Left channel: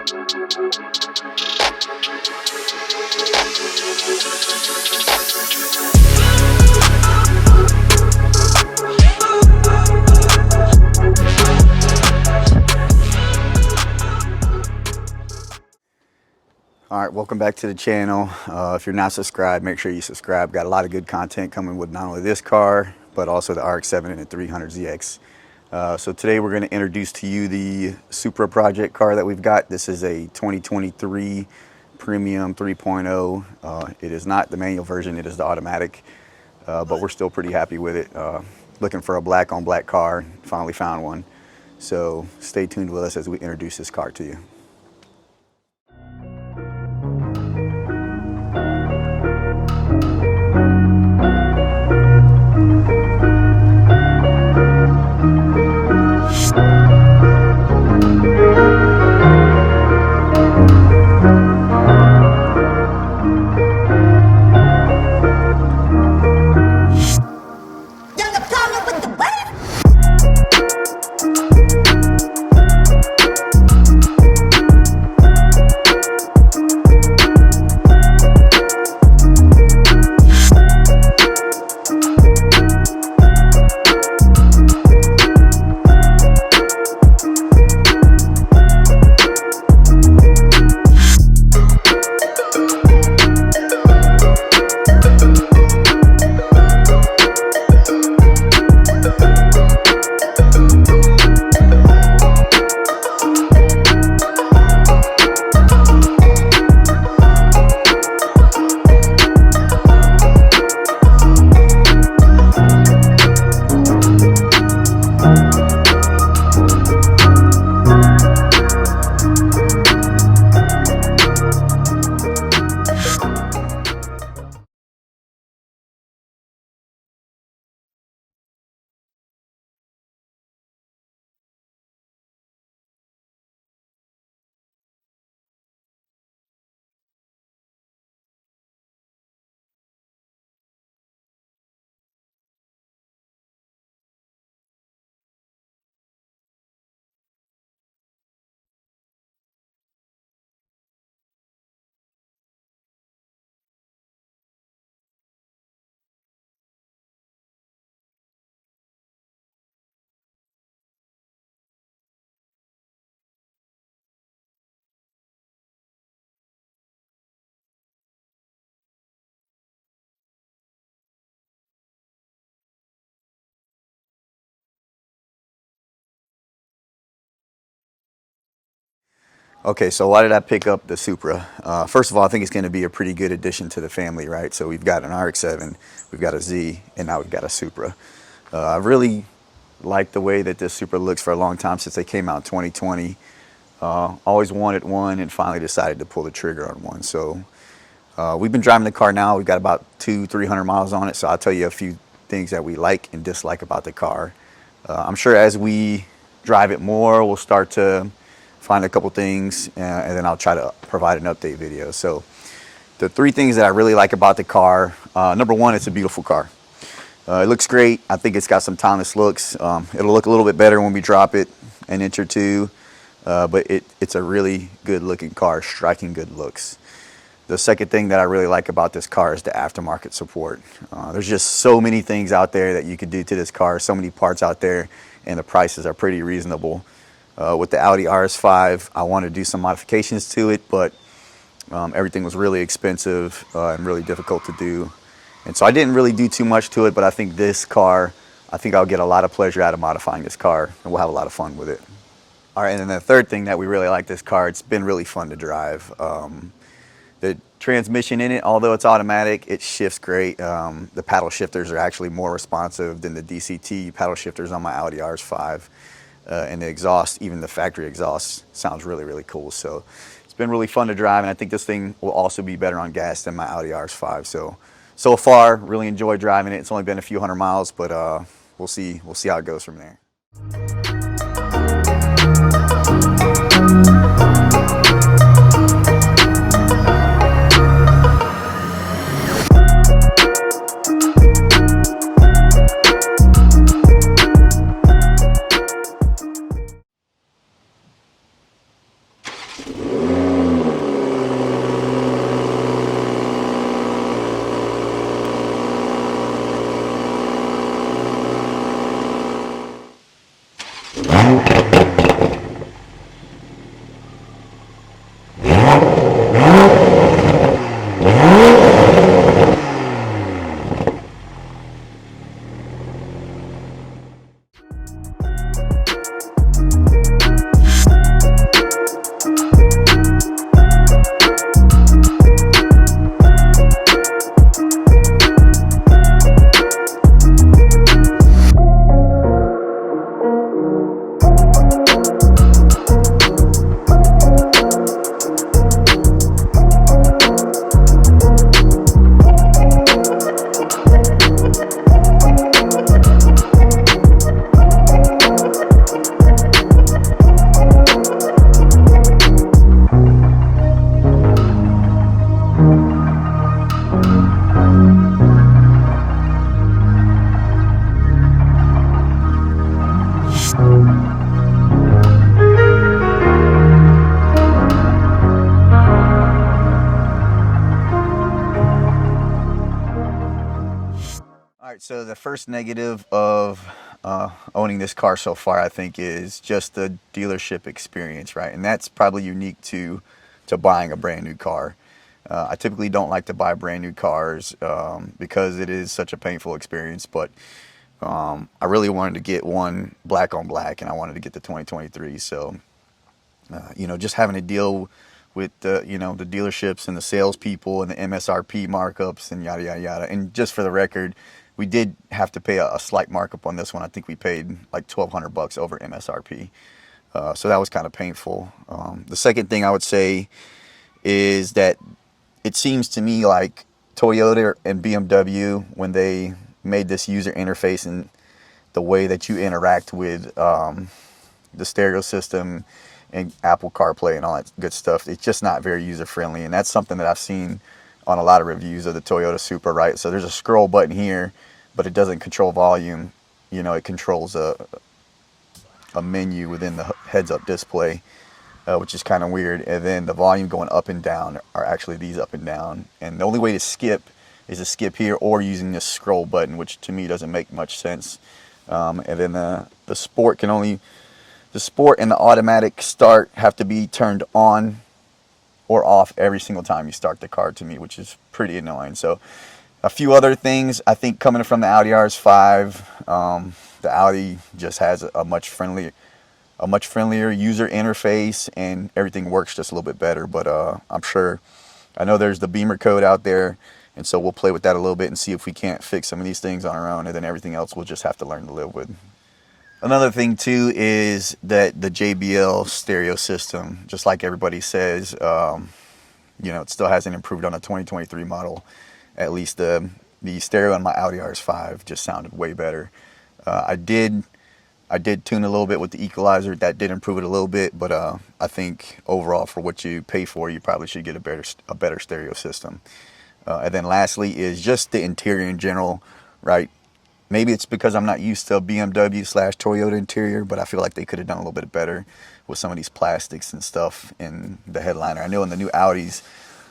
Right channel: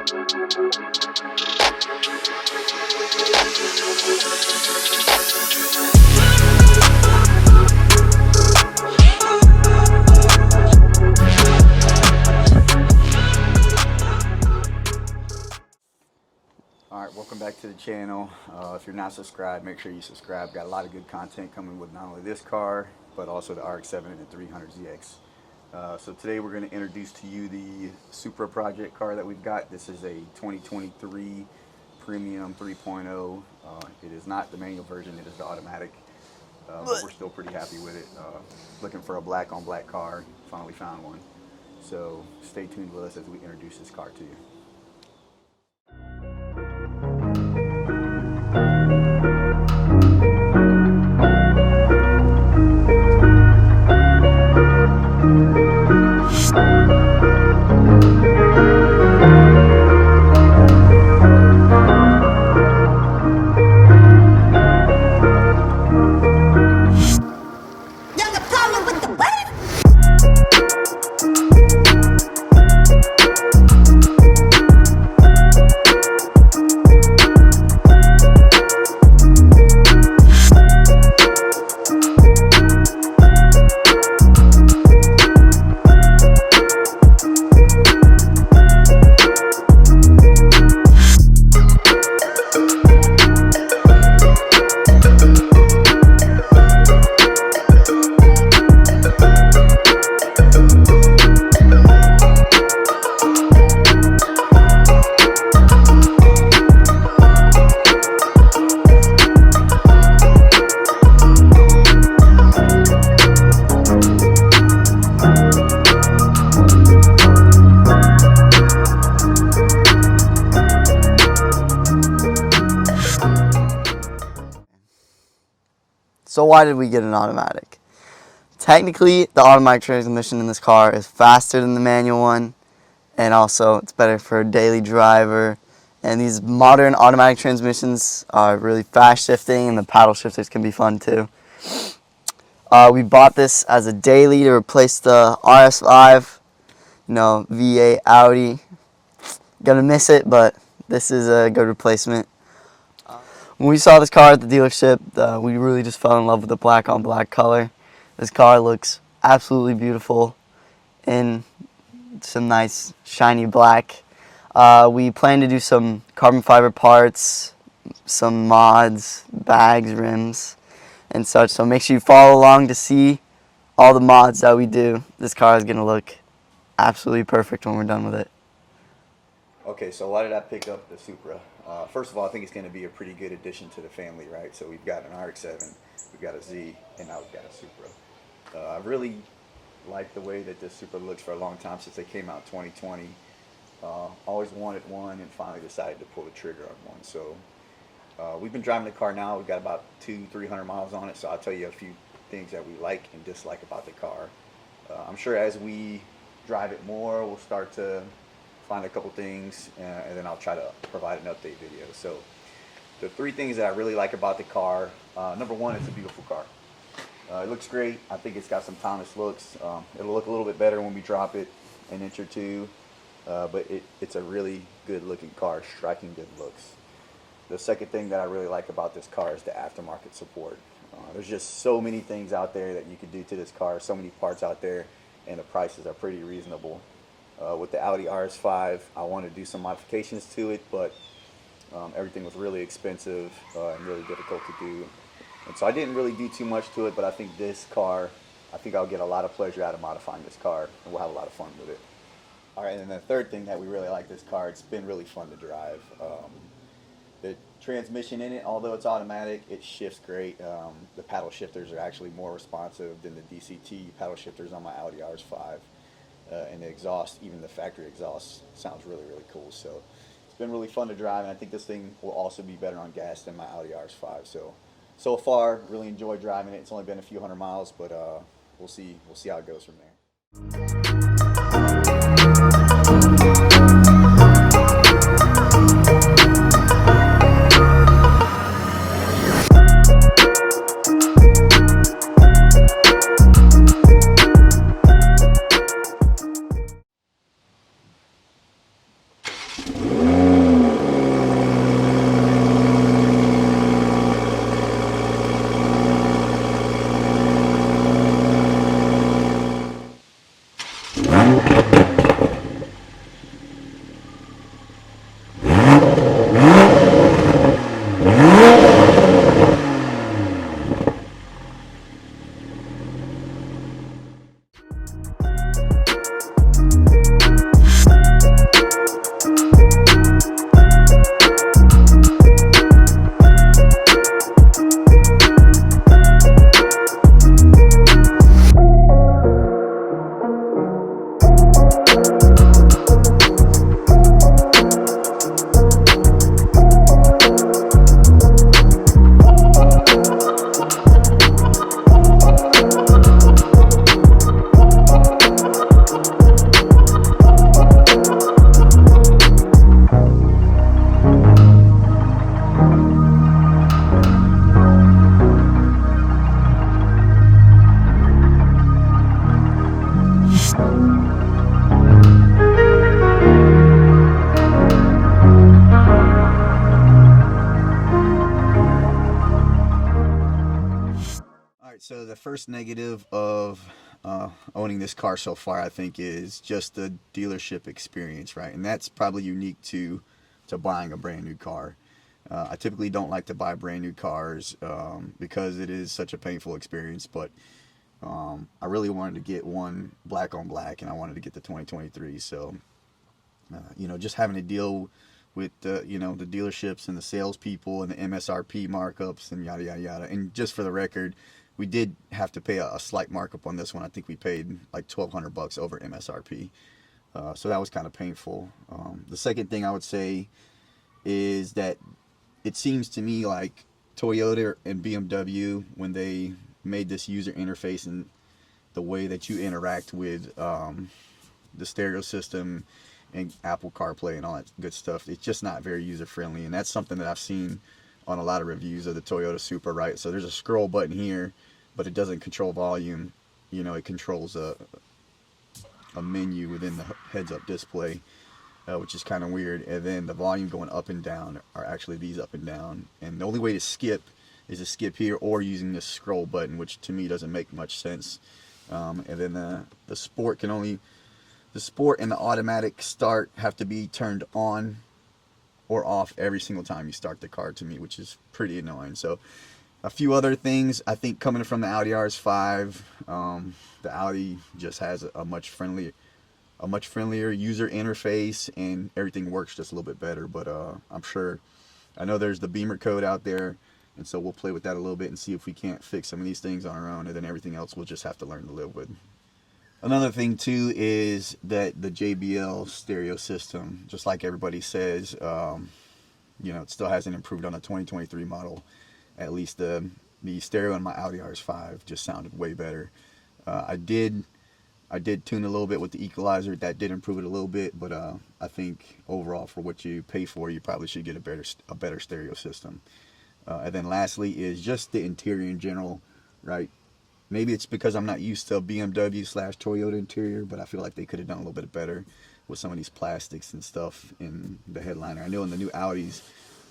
All right, welcome back to the channel. If you're not subscribed, make sure you subscribe. Got a lot of good content coming with not only this car, but also the RX-7 and the 300ZX. So today we're going to introduce to you the Supra project car that we've got. This is a 2023 Premium 3.0. It is not the manual version, it is the automatic, but we're still pretty happy with it. Looking for a black on black car, finally found one. So stay tuned with us as we introduce this car to you. So why did we get an automatic? Technically, the automatic transmission in this car is faster than the manual one, and also it's better for a daily driver. And these modern automatic transmissions are really fast shifting, and the paddle shifters can be fun too. We bought this as a daily to replace the RS5, V8 Audi. Gonna miss it, but this is a good replacement. When we saw this car at the dealership, we really just fell in love with the black on black color. This car looks absolutely beautiful in some nice shiny black. We plan to do some carbon fiber parts, some mods, bags, rims, and such. So make sure you follow along to see all the mods that we do. This car is going to look absolutely perfect when we're done with it. Okay, so why did I pick up the Supra? First of all, I think it's going to be a pretty good addition to the family, right? So we've got an RX-7, we've got a Z, and now we've got a Supra. I really like the way that this Supra looks for a long time, since they came out in 2020. Always wanted one and finally decided to pull the trigger on one. So we've been driving the car now. We've got about 200-300 miles on it, so I'll tell you a few things that we like and dislike about the car. I'm sure as we drive it more, we'll start to find a couple things, and then I'll try to provide an update video. So the three things that I really like about the car, number one, it's a beautiful car. It looks great. I think it's got some timeless looks. It'll look a little bit better when we drop it an inch or two, but it's a really good looking car, striking good looks. The second thing that I really like about this car is the aftermarket support. There's just so many things out there that you could do to this car, so many parts out there, and the prices are pretty reasonable. With the Audi RS5, I wanted to do some modifications to it, but everything was really expensive and really difficult to do. And so I didn't really do too much to it, but I think this car, I think I'll get a lot of pleasure out of modifying this car, and we'll have a lot of fun with it. All right, and then the third thing that we really like this car, it's been really fun to drive. The transmission in it, although it's automatic, it shifts great. The paddle shifters are actually more responsive than the DCT paddle shifters on my Audi RS5. And the exhaust, even the factory exhaust, sounds really, really cool. So it's been really fun to drive, and I think this thing will also be better on gas than my Audi RS5. So far, really enjoyed driving it. It's only been a few hundred miles, but we'll see how it goes from there. the first negative of owning this car so far, I think, is just the dealership experience, right? And that's probably unique to buying a brand new car. I typically don't like to buy brand new cars because it is such a painful experience, but I really wanted to get one black on black, and I wanted to get the 2023. So, just having to deal with the dealerships and the salespeople and the MSRP markups and yada yada yada. And just for the record, we did have to pay a slight markup on this one. I think we paid like $1,200 over MSRP. So that was kind of painful. The second thing I would say is that it seems to me like Toyota and BMW, when they made this user interface and the way that you interact with the stereo system and Apple CarPlay and all that good stuff, it's just not very user friendly. And that's something that I've seen on a lot of reviews of the Toyota Supra, right? So there's a scroll button here, but it doesn't control volume. It controls a menu within the heads-up display, which is kind of weird. And then the volume going up and down are actually these up and down. And the only way to skip is to skip here or using this scroll button, which to me doesn't make much sense. And then the sport and the automatic start have to be turned on or off every single time you start the car, to me, which is pretty annoying. So a few other things, I think, coming from the Audi RS5, the Audi just has a much friendlier user interface, and everything works just a little bit better. But I know there's the Beamer code out there, and so we'll play with that a little bit and see if we can't fix some of these things on our own, and then everything else we'll just have to learn to live with. Another thing too is that the JBL stereo system, just like everybody says, it still hasn't improved on the 2023 model. At least the stereo on my Audi RS5 just sounded way better. I did tune a little bit with the equalizer. That did improve it a little bit, but I think overall, for what you pay for, you probably should get a better stereo system. And then lastly is just the interior in general, right? Maybe it's because I'm not used to a BMW/Toyota interior, but I feel like they could have done a little bit better with some of these plastics and stuff in the headliner. I know in the new Audis,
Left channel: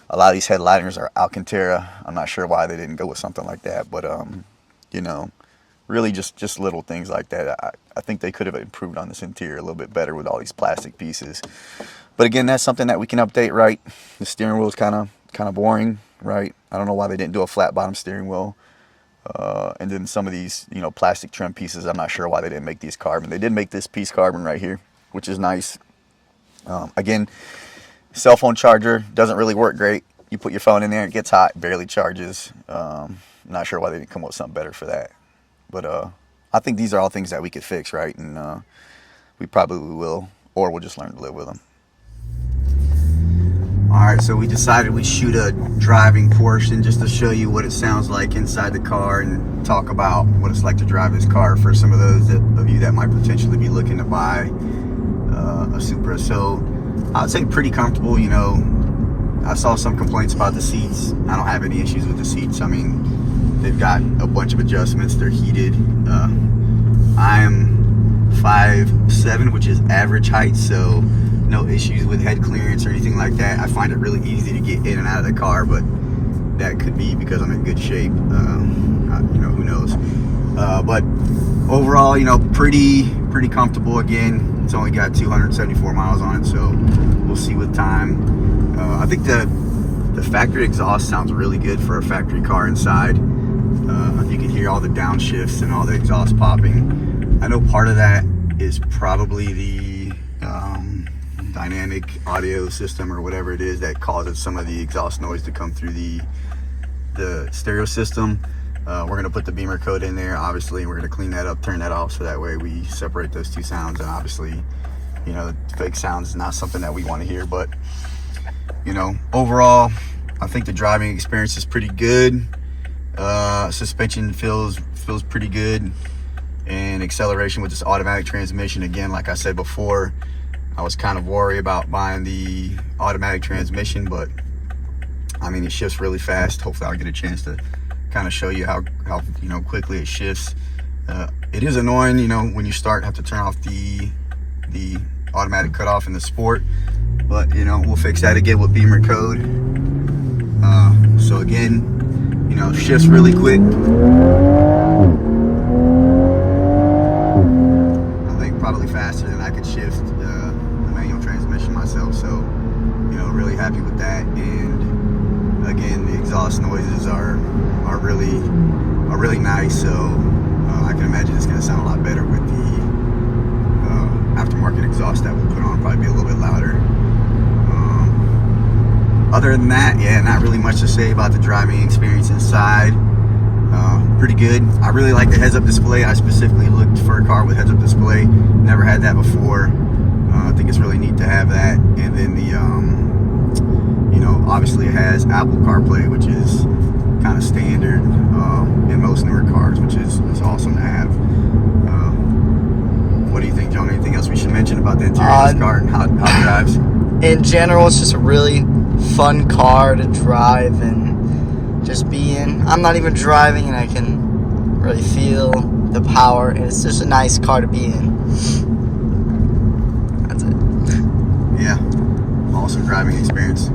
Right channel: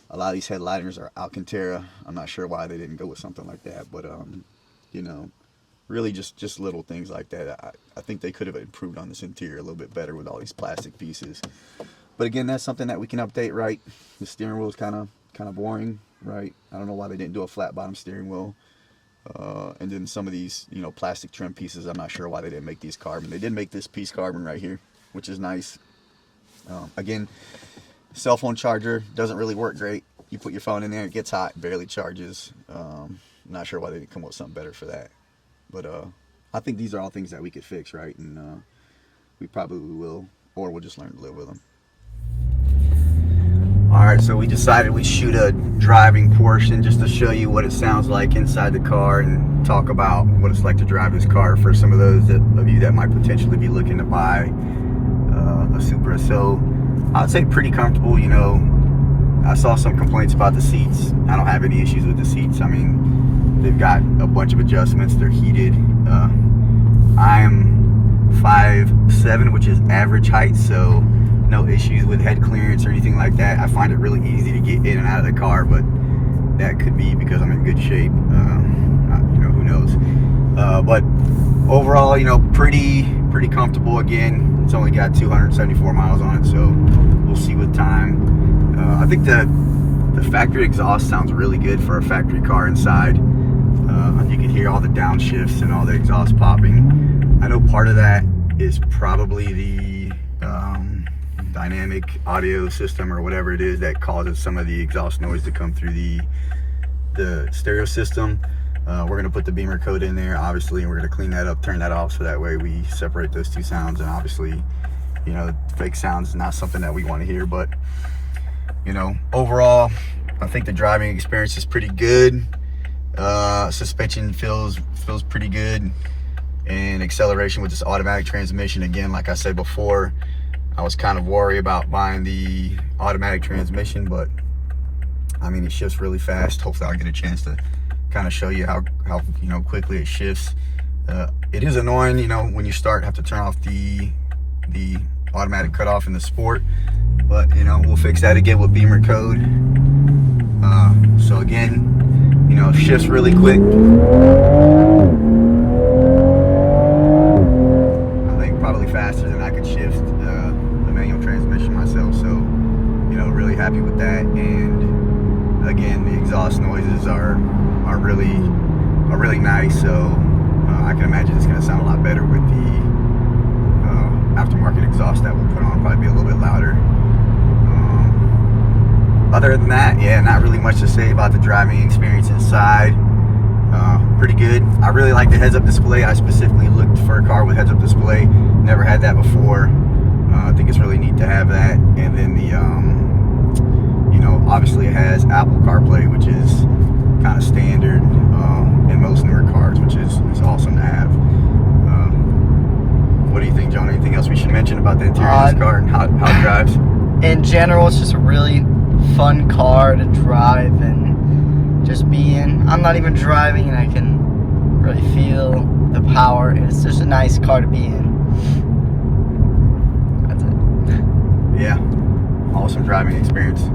a lot of these headliners are Alcantara. I'm not sure why they didn't go with something like that, but really just little things like that. I think they could have improved on this interior a little bit better with all these plastic pieces. But again, that's something that we can update, right? The steering wheel is kind of boring, right? I don't know why they didn't do a flat bottom steering wheel. And then some of these, plastic trim pieces, I'm not sure why they didn't make these carbon. They did make this piece carbon right here, which is nice. Again, cell phone charger doesn't really work great. You put your phone in there, it gets hot, barely charges. Not sure why they didn't come up with something better for that. But I think these are all things that we could fix, right? And we probably will, or we'll just learn to live with them. Alright, so we decided we'd shoot a driving portion just to show you what it sounds like inside the car and talk about what it's like to drive this car for some of those of you that might potentially be looking to buy a Supra. So I'd say pretty comfortable. I saw some complaints about the seats. I don't have any issues with the seats. I mean, they've got a bunch of adjustments. They're heated. I am 5'7", which is average height, so no issues with head clearance or anything like that. I find it really easy to get in and out of the car, but that could be because I'm in good shape. Who knows? But overall, pretty comfortable. Again, it's only got 274 miles on it, so we'll see with time. I think the factory exhaust sounds really good for a factory car inside. You can hear all the downshifts and all the exhaust popping. I know part of that is probably the dynamic audio system or whatever it is that causes some of the exhaust noise to come through the stereo system. We're going to put the Beamer code in there, obviously, and we're going to clean that up, turn that off, so that way we separate those two sounds. And obviously, fake sounds is not something that we want to hear. But overall, I think the driving experience is pretty good. Suspension feels pretty good, and acceleration with this automatic transmission, again, like I said before, I was kind of worried about buying the automatic transmission, but I mean, it shifts really fast. Hopefully I'll get a chance to kind of show you how quickly it shifts. It is annoying, when you start, have to turn off the automatic cutoff in the Sport, but we'll fix that again with Beamer code. So again, shifts really quick. happy with that. And again, the exhaust noises are really nice. So I can imagine it's going to sound a lot better with the aftermarket exhaust that we'll put on. Probably be a little bit louder. Other than that, yeah, not really much to say about the driving experience inside. Pretty good. I really like the heads-up display. I specifically looked for a car with heads-up display. Never had that before. I think it's really neat to have that. And then the, you know, obviously it has Apple CarPlay, which is kind of standard in most newer cars, which is awesome to have. What do you think, John? Anything else we should mention about the interior of this car and how it drives? In general, it's just a really fun car to drive and just be in. I'm not even driving, and I can really feel the power, and it's just a nice car to be in. That's it. Yeah, awesome driving experience.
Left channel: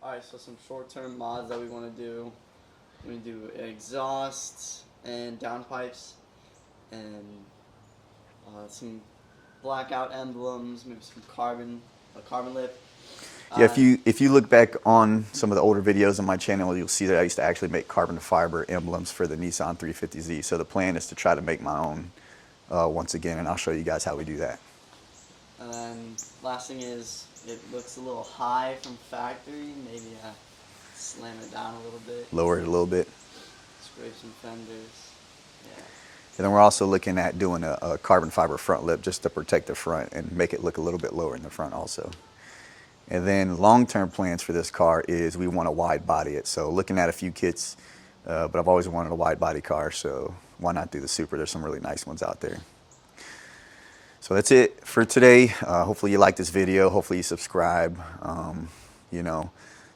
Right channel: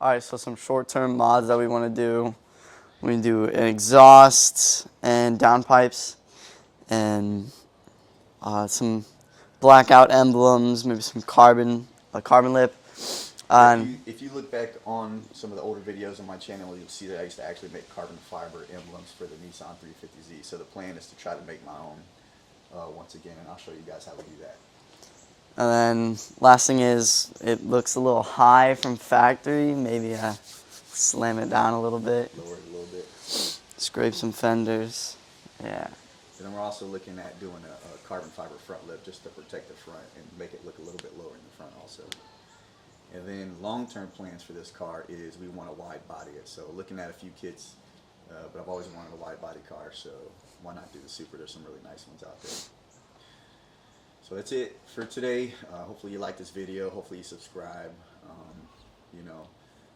Alright, so some short-term mods that we want to do. We do an exhaust and downpipes and some blackout emblems, maybe some carbon lip. Yeah, if you look back on some of the older videos on my channel, you'll see that I used to actually make carbon fiber emblems for the Nissan 350Z. So the plan is to try to make my own once again, and I'll show you guys how we do that. And then last thing is, it looks a little high from factory. Maybe slam it down a little bit. Lower it a little bit. Scrape some fenders. Yeah. And then we're also looking at doing a carbon fiber front lip just to protect the front and make it look a little bit lower in the front also. And then long-term plans for this car is we want to wide body it. So looking at a few kits, but I've always wanted a wide body car, so why not do the Supra? There's some really nice ones out there. So that's it for today. Hopefully you like this video. Hopefully you subscribe. You know,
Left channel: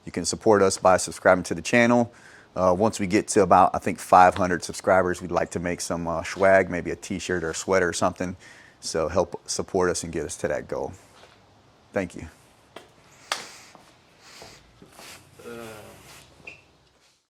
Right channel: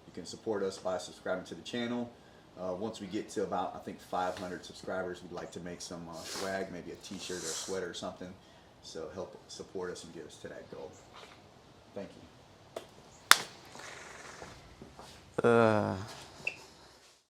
you can support us by subscribing to the channel. Once we get to about, I think, 500 subscribers, we'd like to make some swag, maybe a t-shirt or a sweater or something. So help support us and get us to that goal. Thank you.